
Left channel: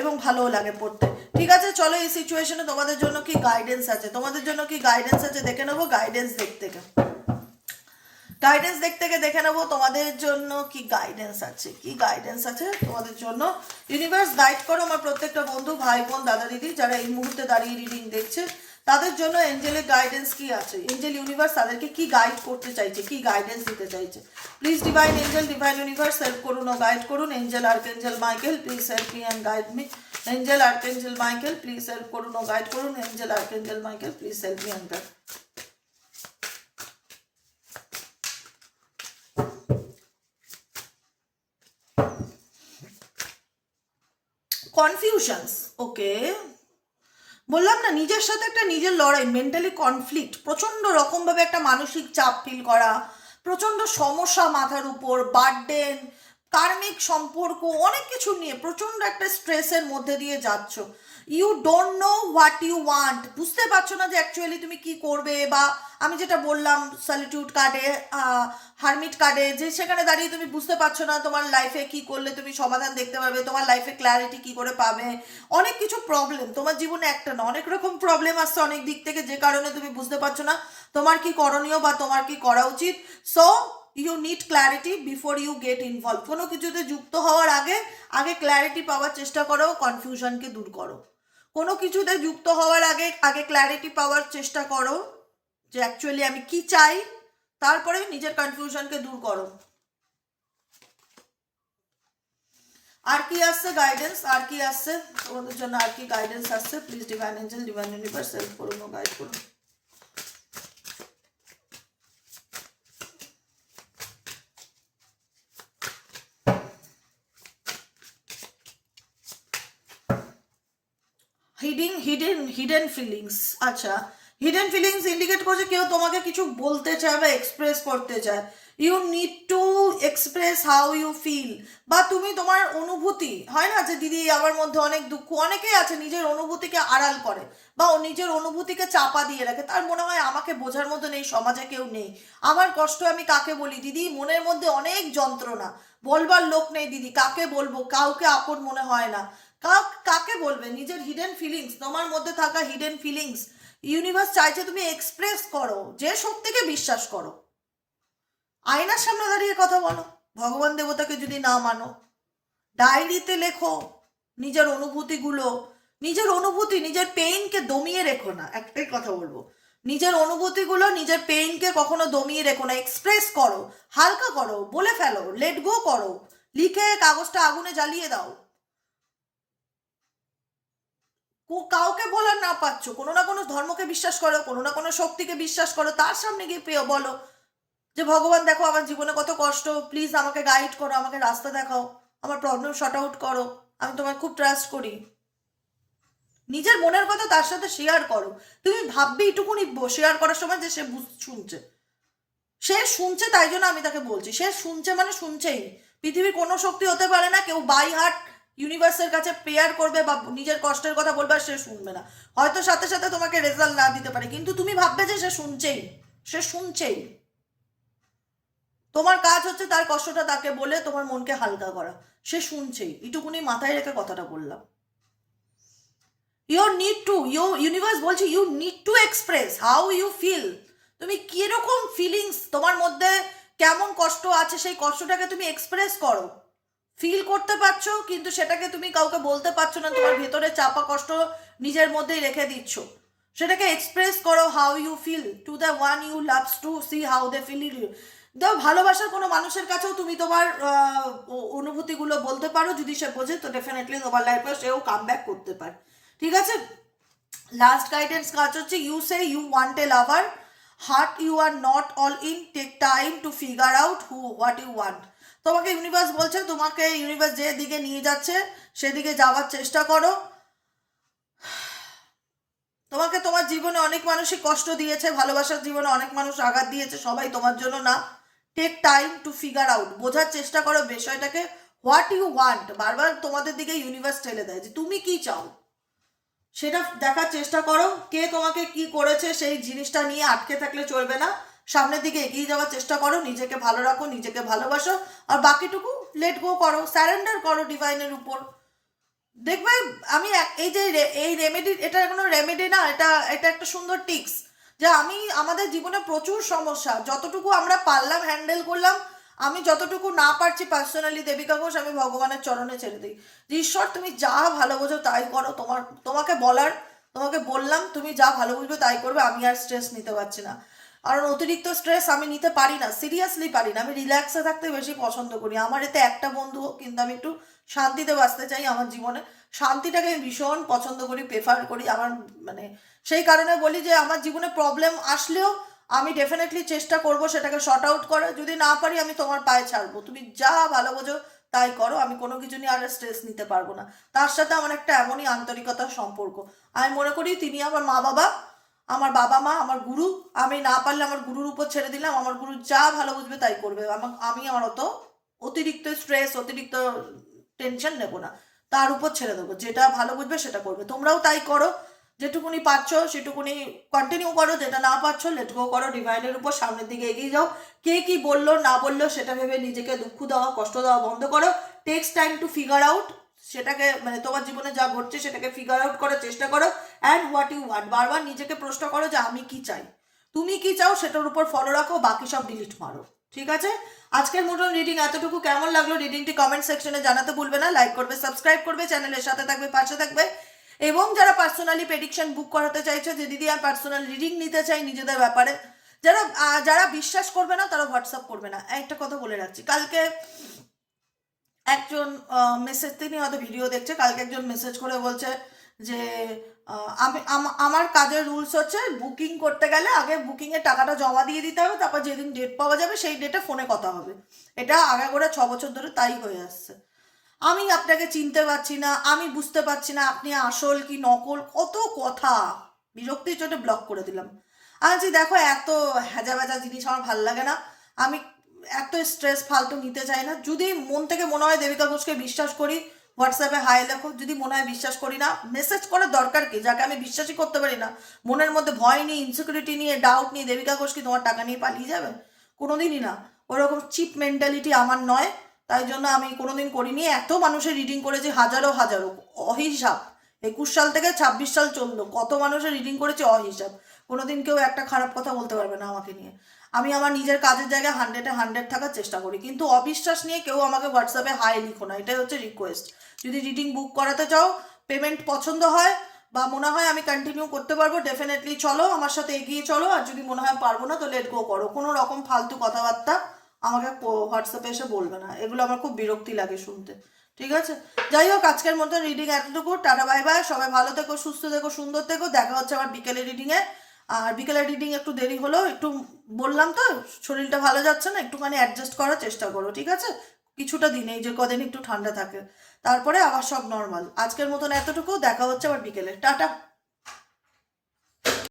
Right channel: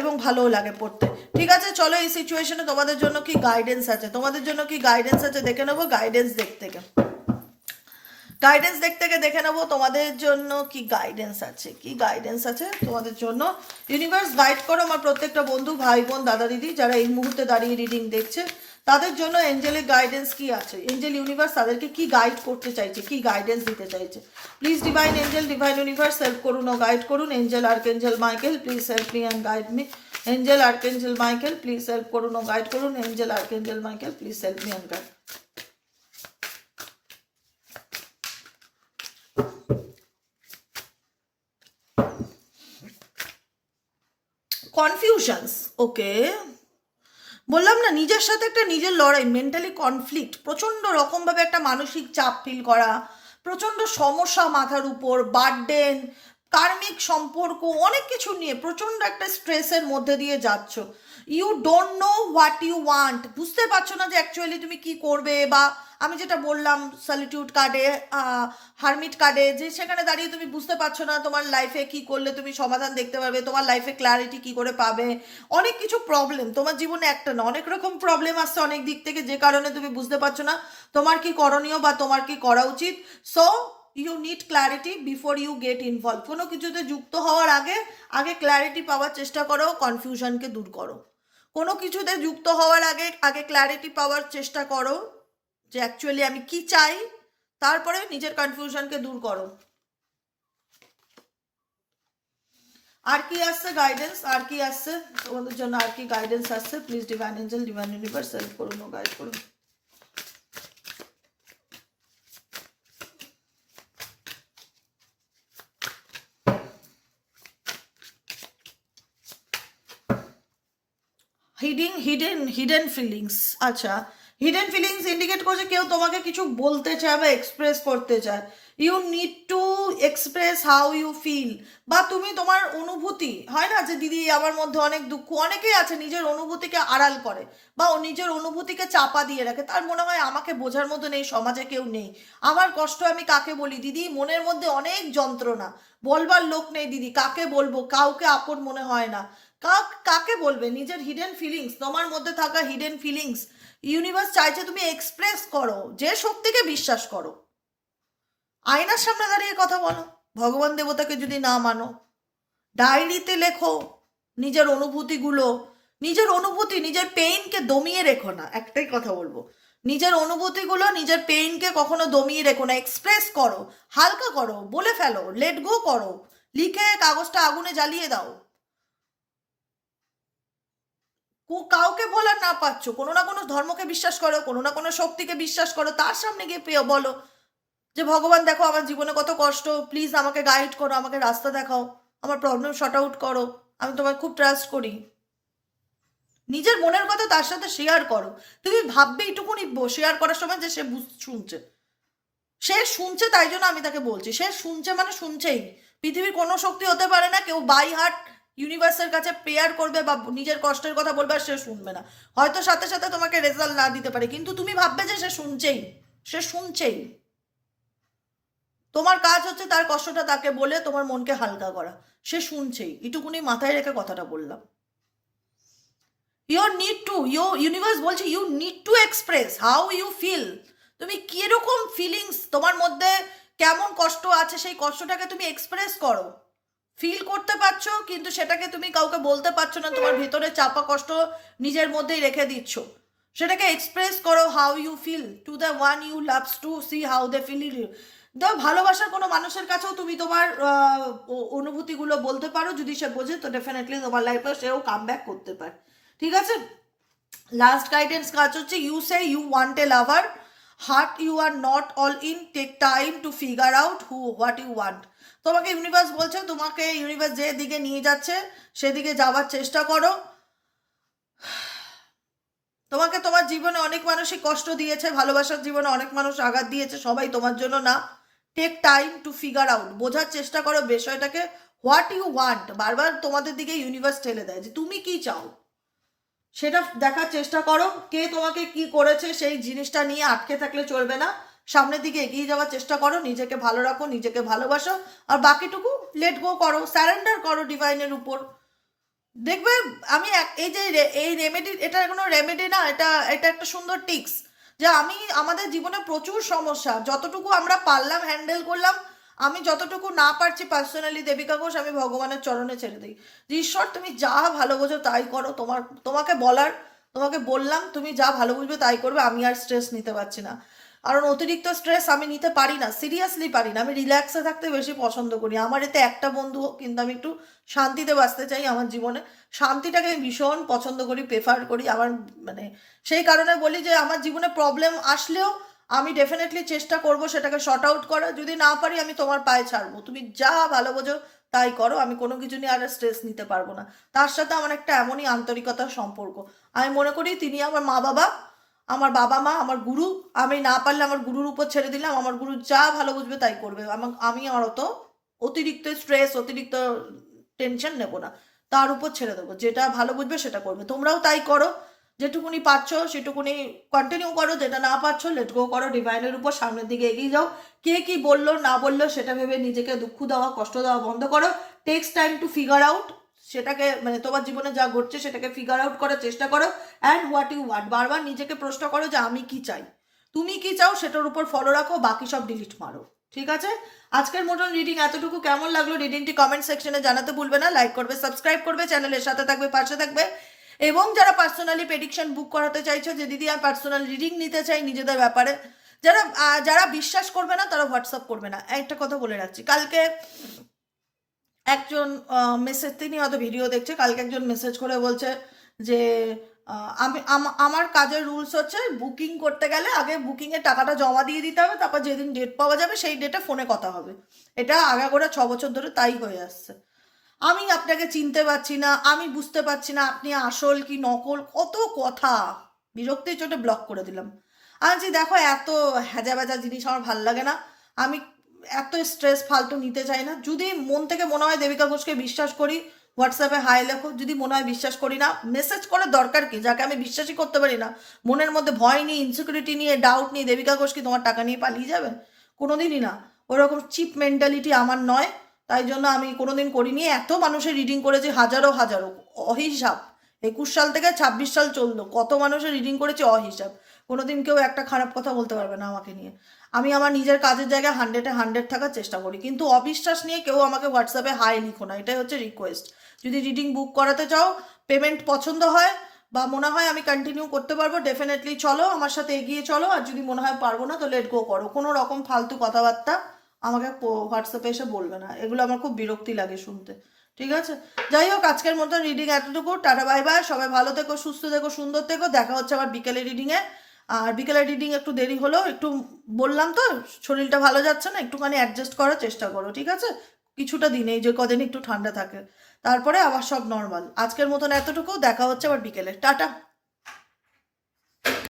এবং ভালোও লাগে পড়তে। ঠিক আছে, চলো এই সিচুয়েশনে তোমাদের জন্য কি গাইডেন্স আছে? তোমাদের জন্য কি গাইডেন্স আছে? দেখে নেব গাইডেন্স দেখতে থেকে গাইডেন্স দেখতে গিয়ে দেখে নেব, তোমাদের জন্য কি গাইডেন্স আছে, কি গাইডেন্স আছে, তোমাদের জন্য। ইউনিভার্স গাইড করো আমার প্রত্যেকটা বন্ধু, ভাই বোন, দাদা দিদি, যারা এই মুহূর্তে দাঁড়িয়ে রিডিং দেখছে। তাদের জন্য এঞ্জেলের গাইডেন্স কি আছে? এঞ্জেল ইউনিভার্স তাদেরকে কি গাইড করতে চাইছে, কি গাইডেন্স দিতে চাইছে? Please divine angel divine universe help করুন ও গাইড করুন। Angel archangel Michael please help me and guide me angel archangel Michael please help করুন ও গাইড করুন। Angel archangel Michael please help me and guide confusions okay বললাম না, নিজের সাথে একটা নিজের লড়াই মেন্টালি কনফ্লিক্ট প্রচণ্ড রকমভাবে একটা মানসিক চাপ ফিল করা, প্রচণ্ড সমস্যা মাথার উপর বার্ডেন কার্মিক সম্পর্ক, অনেক কিছু নিয়ে প্রচণ্ড একটা স্ট্রেসের মধ্যে দিয়ে যাচ্ছ। You don't know what you want বুঝতে পারছ না যে অ্যাকচুয়ালি তুমি কি করবে বা আমি যেটা বললাম সলিটিউড কার্ডে হারমিট কার্ডে যে সেখানে দাঁড়িয়ে তুমি বুঝতে পারছ না তোমার লাইফে কি করলে তুমি সমাধান দেখতে পারবে, তোমার লাইফে ক্ল্যারিটি কি করে পাবে। অনেক কিছু প্রবলেম তোমার জীবনে একটা না, অনেক রকম প্রবলেম আসছে অনেক দিক থেকে যে কারণে তুমি বুঝতে পারছ না তোমার কি করণীয় বা তোমার কি করা উচিত। So you need clarity before you get involve কোনো কিছুতে যুক্ত হওয়ার আগে আগে ক্ল্যারিটি পাওয়ার চেষ্টা করো কনফিউশনকে দূর করো। কোনো কিছুতে যুক্ত হওয়ার আগে আগে ক্ল্যারিটি পাওয়ার চেষ্টা করো যে অ্যাকচুয়ালি আমি কি চাই, তারপরে নিজের কনফিউশনকে দূর করো। আর কি আসছে গাইডেন্স আর কি আসছে? তোমাদের জন্য আর কি গাইডেন্স আসছে? Please divine angel divine universe help করুন গাইড করুন। হিডিং হিডেন হিডেন ফিলিংস আচ্ছা হিডেন ফিলিংস ইন্ডিকেট করছে কেউ তোমাকে কিছু বলতে চায় বা এক্সপ্রেস করতে চায়। You need to express how you feel বা তুমি তোমার অনুভূতি, হয় না যে দিদি আমার মধ্যে অনেক দুঃখ, অনেকেই আছে নিজের অনুভূতিকে আড়াল করে বা নিজের অনুভূতিকে চাপা দিয়ে রাখে। তার মনে হয় আমাকে বোঝার মতো নেই সমাজে কেউ নেই। আমার কষ্ট আমি কাকে বলি? দিদি, মনের মধ্যে অনেক যন্ত্রণা। বলবার লোক নেই দিদি, কাকে বলব? কাউকে আপন মনে হয় না। কাকে বলবে? নিজের হিডেন ফিলিংস তোমার মধ্যে থাকা হিডেন ফিলিংস ইউনিভার্স চাইছে তুমি এক্সপ্রেস করো, যে শক্তিকে বিশ্বাস করো। আয়নার সামনে দাঁড়িয়ে কথা বলো। ভগবান দেবতাকে যদি না মানো, ডায়েরিতে লেখো নিজের অনুভূতিগুলো। নিজের অনুভূতি, নিজের পেইনকে দমিয়ে রেখো না, একটাই কথা বলব। নিজের অনুভূতিগুলো নিজের পেইনকে কখনো দমিয়ে রেখো না এক্সপ্রেস করো, হালকা করো, বলে ফেলো লেট গো করো। লিখে কাগজটা আগুনে জ্বালিয়ে দাও কো- কাউকে বলার না পাচ্ছ, কোনো না কোনো ধর্মকে বিশ্বাস করো, কোনো না কোনো শক্তিকে বিশ্বাস করো, তার সামনে গিয়ে পেয়ে বলো যে, ভগবান, দেখো আমার জীবনে কত কষ্ট প্লিজ আমাকে গাইড করো, আমাকে রাস্তা দেখাও, আমার প্রবলেম শর্ট আউট করো, আমি তোমায় খুব ট্রাস্ট করি। নিজের মনের কথা তার সাথে শেয়ার করো। তুমি ভাববে এইটুকুনি শেয়ার করার সময় যে সে শুনছে। সে শুনছে তাই জন্য আমি তাকে বলছি। সে শুনছে মানে শুনছেই। পৃথিবীর কোনো শক্তি হতে পারে না, কেউ বাই হার্ট ইউনিভার্সের কাছে প্রেয়ার করবে বা নিজের কষ্টের কথা বলবে সে শুনবে না। হয়তো সাথে সাথে তোমাকে রেজাল্ট না দিতে পারে, কিন্তু তুমি ভাববে যে সে শুনছেই সে শুনছেই। তোমার কাজ হচ্ছে তার কষ্টটা তাকে বলে তোমার মনকে হালকা করা, সে শুনছেই। এটুকুনি মাথায় রেখে কথাটা বললাম। Your need to you universe বলছে you need to express how you feel তুমি কীরকম ফিলিংস তোমার মধ্যে কেমন কষ্ট আছে, সেই কষ্টটাকে তুমি এক্সপ্রেস করো। ফিল করতে পারছ, কিন্তু সেটাকে তুমি কাউকে বলতে পারছ না, তোমার ভেতরে চাপা কষ্ট নিজের মধ্যেই রেখে দিচ্ছ। সেটাকে এক্সপ্রেস করো how you feel to the one you loves to see how they feel you দাও ভালোবাসার কোনো মানুষের কাছেও তুমি তোমার অনুভূতিগুলো বলতে পারো, যদি সে বোঝে, তো ডেফিনেটলি তোমার লাইফে সেও কাম ব্যাক করতে পারে। ঠিক আছে? লাস্ট গাইডেন্স কাজ হচ্ছে you say you want a lover heart you are not all in take time to figure out who what you want তোমাকে ইউনিভার্স বলছে, তোমাকে ইউনিভার্স যে দিকে নিয়ে যাচ্ছে, সেদিকে যাওয়ার চেষ্টা করো। তোমাকে তোমার জীবনে অনেক মানুষই কষ্ট দিয়েছে, ভালোবাসার জীবনে অনেক মানুষ আঘাত দিয়েছে, সবাই তোমার জন্য না। Take time to figure out বোঝার চেষ্টা করো বিষয়টাকে। হোয়াট ইউ ওয়ান্ট বারবার তোমাদের দিকে ইউনিভার্স ঠেলে দেয় যে তুমি কি চাও? সেটা দেখার চেষ্টা করো, কে তোমাকে কি করেছে, সেই জিনিসটা নিয়ে আটকে থাকলে চলবে না। সামনের দিকে এগিয়ে যাওয়ার চেষ্টা করো, নিজেকে ভালো রাখো, নিজেকে ভালোবাসো, আর বাকিটুকু লেট গো করো স্যারেন্ডার করো ডিভাইনের উপর। দেখবে আমি এই যে এই রেমেডি এটা কোনো রেমেডি না, এটা এটা একটা সুন্দর টিক্স যে আমি, আমাদের জীবনে প্রচুর সমস্যা, যতটুকু আমরা পারলাম হ্যান্ডেল করলাম, আমি যতটুকু না পারছি পার্সোনালি দেবিকা ঘোষ, আমি ভগবানের চরণে ছেড়ে দিই। ঈশ্বর, তুমি যা ভালো বোঝো তাই করো, তোমার, তোমাকে বলার, তোমাকে বললাম, তুমি যা ভালো বুঝবে তাই করবে, আমি আর স্ট্রেস নিতে পারছি না। কারণ অতিরিক্ত স্ট্রেস আমি নিতে পারি না সিরিয়াসলি পারি না। আমি রিল্যাক্সে থাকতে বেশি পছন্দ করি। আমার এতে একটা বন্ধু হোক কিন্তু আমি একটু শান্তিতে বাঁচতে চাই আমার জীবনে। শান্তিটাকে আমি ভীষণ পছন্দ করি প্রেফার করি। আমার মানে সেই কারণে বলি যে, আমার জীবনে প্রবলেম আসলেও আমি ডেফিনেটলি চেষ্টা করব সেটাকে শর্ট আউট করার। যদি না পারি, আমি তোমার পায়ে ছাড়বো। তুমি যা ভালো বোঝো, তাই করো। আমি কোনো কিছু নিয়ে আর স্ট্রেস নিতে পারব না। তার সাথে আমার একটা এমনই আন্তরিকতার সম্পর্ক। আমি মনে করি, তিনি আমার মা বাবা আমার বাবা মা, আমার গুরু, আমি না পারলে আমার গুরুর উপর ছেড়ে দিলাম, আমার গুরু যা ভালো বুঝবে তাই করবে। আমি আমার অত অতিরিক্ত স্ট্রেস অতিরিক্ত টেনশন নেব না। তার উপর ছেড়ে দেবো। যেটা ভালো বুঝবে সেটা করবে। তোমরাও তাই করো। যেটুকুনি পারছ সেটুকুনি কন্টিনিউ করো। যেটা না পারছ লেট গো করো। ডিভাইনের উপর সামনের দিকে এগিয়ে যাও। কে কি বলল, না বলল সেটা ভেবে নিজেকে দুঃখ দেওয়া, কষ্ট দেওয়া বন্ধ করো। Takes time to figure out সেটাকে মানে তোমার জীবনে যা ঘটছে সেটাকে ফিগার আউট করার চেষ্টা করো। অ্যান্ড হোয়াট ইউ ওয়ান্ট বারবার নিজেকে প্রশ্ন করো যে আমি কি চাই? তুমি কি চাও সেটার উপর ফলো রাখো, বাকি সব ডিলিট মারো। ঠিক আছে? আজকের মতন রিডিং এতটুকু। কেমন লাগল রিডিংটি কমেন্ট সেকশনে জানাতে ভুলবে না। লাইক করবে সাবস্ক্রাইব করবে চ্যানেলের সাথে থাকবে, পাশে থাকবে। এবং যারা পার্সোনালি প্রেডিকশন বুক করাতে চাইছো, যে দিদি আর পার্সোনাল রিডিং নিতে চাই নিজেদের ব্যাপারে, যারা যারা বিশ্বাস করবে না, তারা হোয়াটসঅ্যাপ করবে না। একটা কথা বলে রাখছি। কালকে একজন মেসেজ তিনি হয়তো ভিডিও দেখছে কালকে একজন মেসেজ করে বলছে যে আমি আমার কাজের রুলস হচ্ছে বুকিং করতে গেলে আগে বুকিংয়ের টাকাটা জমা দিয়ে দিতে হবে তারপর যেদিন ডেট পাওয়া যাবে সেই ডেটে ফোনে কথা হবে। এটা আগাগোড়া ছ বছর ধরে তাই হয়ে আসছে। আমি আপনাকে চিনতে পারছি না আমি বুঝতে পারছি না আপনি আসল কি নকল কত কথা। বিরক্তির চোটে ব্লক করে দিলাম। আমি বলছি, দেখো এত হ্যাজা ভ্যাজা জিনিস আমার ভালো লাগে না। আমি এত স্ট্রেস ফালতু নিতে চাই না। যদি মন থেকে মনে হয় দেবিকা ঘোষকে বিশ্বাস করি হোয়াটসঅ্যাপে হাই লেখো। যদি মনে হয় বিশ্বাস করি না মেসেজ করার দরকার কি? যাকে আমি বিশ্বাসই করতে পারি না। মনের মধ্যে ভয় নিয়ে ইনসিকিউরিটি নিয়ে ডাউট নিয়ে দেবিকা ঘোষ কি তোমার টাকা নিয়ে পালিয়ে যাবে? কোনোদিনই না। ওরকম চিপ মেন্টালিটি আমার নয়। তাই জন্য আমি কোনোদিন করিনি। এত মানুষের রিডিং করেছি, হাজারো হাজারো। অহিসাব। একুশ সাল থেকে ছাব্বিশ সাল চলল। কত মানুষের রিডিং করেছি, অহিসাব। কোনোদিন কেউ একটা খারাপ কথা বলতে পারবে না আমাকে নিয়ে। আমি আমার নিজের কাজের জায়গায় হান্ড্রেডে হান্ড্রেড থাকার চেষ্টা করি। কিন্তু অবিশ্বাস নিয়ে কেউ আমাকে হোয়াটসঅ্যাপে হাই লিখো না। এটাই হচ্ছে রিকোয়েস্ট যদি রিডিং বুক করাতে চাও পেমেন্ট পছন্দ হয় বা মনে হয় আমি কন্টিনিউ করতে পারব ডেফিনেটলি চলো, আমার সাথে এগিয়ে চলো। আর যদি মনে হয় পারব না তো লেট গো করো। কোনো রকম ফালতু কথাবার্তা আমাকে হোয়াটসঅ্যাপে এসে বলবে না। এগুলো আমার খুব বিরক্তি লাগে শুনতে। ঠিক আছে? যাই হোক, আজকের মতো রিডিং এতটুকু। টাটা বাই বাই সবাই ভালো থেকো, সুস্থ থেকো, সুন্দর থেকো। দেখা হচ্ছে আমার বিকেলে রিডিংয়ে আর বিকেলে রিডিং একটু দেরি হলো একটু বললাম তো, শরীরটা ভালো যাচ্ছে না, একটুখানি অ্যাডজাস্ট করার চেষ্টা করো, ঠিক আছে? কিছুটা দিনে যে কদিন একটু ঠান্ডা থাকে। তারপরে আবার সব নর্মাল আজকের মতন এতটুকু, দেখা হচ্ছে আবার বিকেলে। টাটা!